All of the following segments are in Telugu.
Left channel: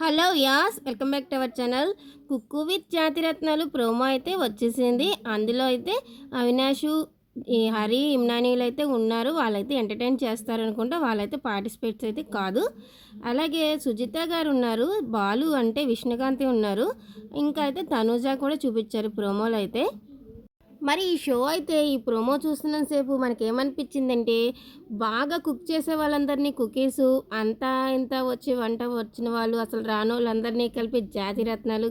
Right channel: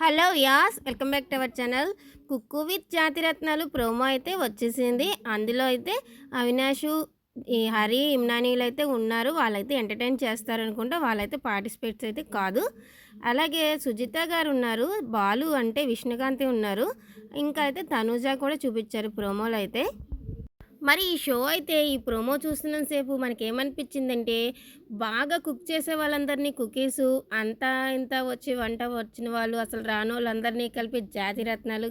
Hello guys welcome back to our channel. Cook with Jathiratnalu promo అయితే వచ్చేసింది. అందులో అయితే అవినాషు ఈ హరి ఇమ్నానీలు అయితే ఉన్నారు. వాళ్ళైతే ఎంటర్టైన్ చేస్తారు అనుకుంటా వాళ్ళైతే పార్టిసిపేట్స్ అయితే కాదు. అలాగే సుజిత గారు ఉన్నారు బాలు అంటే విష్ణుకాంతి ఉన్నారు. ఇంకా అయితే తనూజ కూడా చూపించారు ప్రోమోలు అయితే. మరి ఈ షో అయితే ఈ ప్రోమో చూస్తున్నంతసేపు మనకేమనిపించిందంటే బాగా కుక్ చేసే వాళ్ళందరినీ కుకీసు అంతా ఇంత వచ్చి వంట వచ్చిన వాళ్ళు అసలు రాను వాళ్ళందరినీ కలిపి జాతి రత్నాలు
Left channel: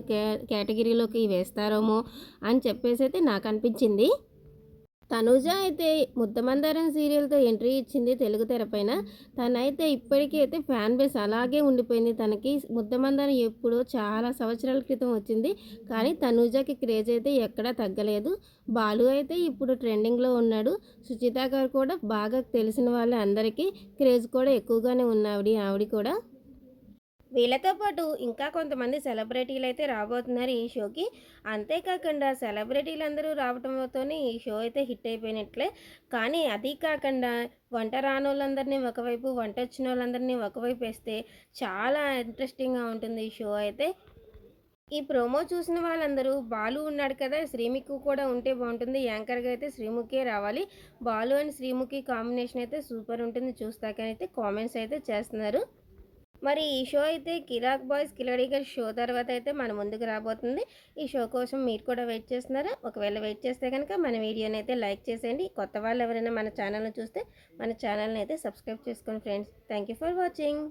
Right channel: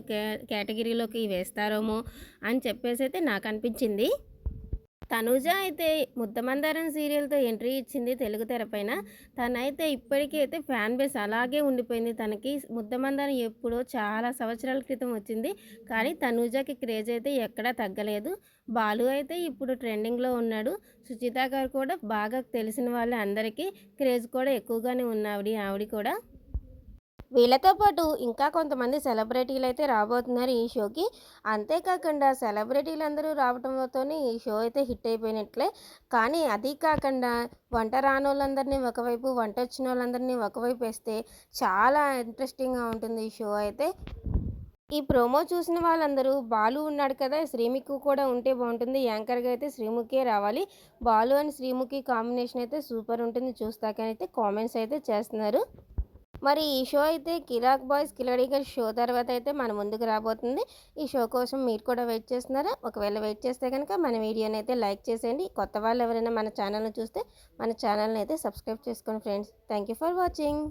కేటగిరీలోకి వేస్తారేమో అని చెప్పేసి అయితే నాకు అనిపించింది తనుజ అయితే ముద్దమందారం సీరియల్తో ఎంట్రీ ఇచ్చింది తెలుగు తెరపైన. తనైతే ఇప్పటికీ అయితే ఫ్యాన్ బేస్ అలాగే ఉండిపోయింది. తనకి ముద్దమందారం ఎప్పుడో చాలా సంవత్సరాల క్రితం వచ్చింది. కానీ తనుజకి క్రేజ్ అయితే ఎక్కడా తగ్గలేదు. బాలు అయితే ఇప్పుడు ట్రెండింగ్లో ఉన్నాడు. సుచిత గారు కూడా బాగా తెలిసిన వాళ్ళ అందరికీ క్రేజ్ కూడా ఎక్కువగానే ఉన్నావిడి ఆవిడ కూడా. వీళ్ళతో పాటు ఇంకా కొంతమంది సెలబ్రిటీలు అయితే రాబోతున్నారు ఈ షోకి. అంతేకాకుండా సెలబ్రిటీలు అందరూ రావడంతోనే ఈ షో అయితే హిట్ అయిపోయినట్లే. కానీ అది కాకుండా వంట రాని వాళ్ళందరినీ ఒకవైపు వంట వచ్చిన వాళ్ళందరినీ ఒకవైపు వేస్తే చాలా ఇంట్రెస్టింగ్గా ఉంటుంది ఈ షో అయితే. ఈ ప్రోమో చూసిన వాళ్ళందరూ బాలు ఉన్నాడు కదా శ్రీముఖి కూడా ఉంటే బాగుంటుంది. యాంకర్గా అయితే శ్రీముఖే రావాలి. బాలు అని శ్రీముఖి కాంబినేషన్ అయితే సూపర్ ఉంటుంది. చూస్తాకనైతే కామెంట్స్ అయితే చేస్తున్నారు. మరి ఈ షో అయితే కిరాక్ బాయ్స్ కిలడిగర్ షో తర్వాత అయితే మన ముందుకు రాబోతుంది. ఈ షో కోసం మీరు కూడా వెయిట్ చేస్తున్నారా? ఒకవేళ వెయిట్ చేస్తే కనుక మన వీడియోని అయితే లైక్ చేసేయండి. కొత్త వాళ్ళు ఎవరైనా మన ఛానల్ని చూస్తే మన ఛానల్ని అయితే సబ్స్క్రైబ్ చేసుకోండి ఫ్రెండ్స్ థ్యాంక్ ఫర్ వాచింగ్.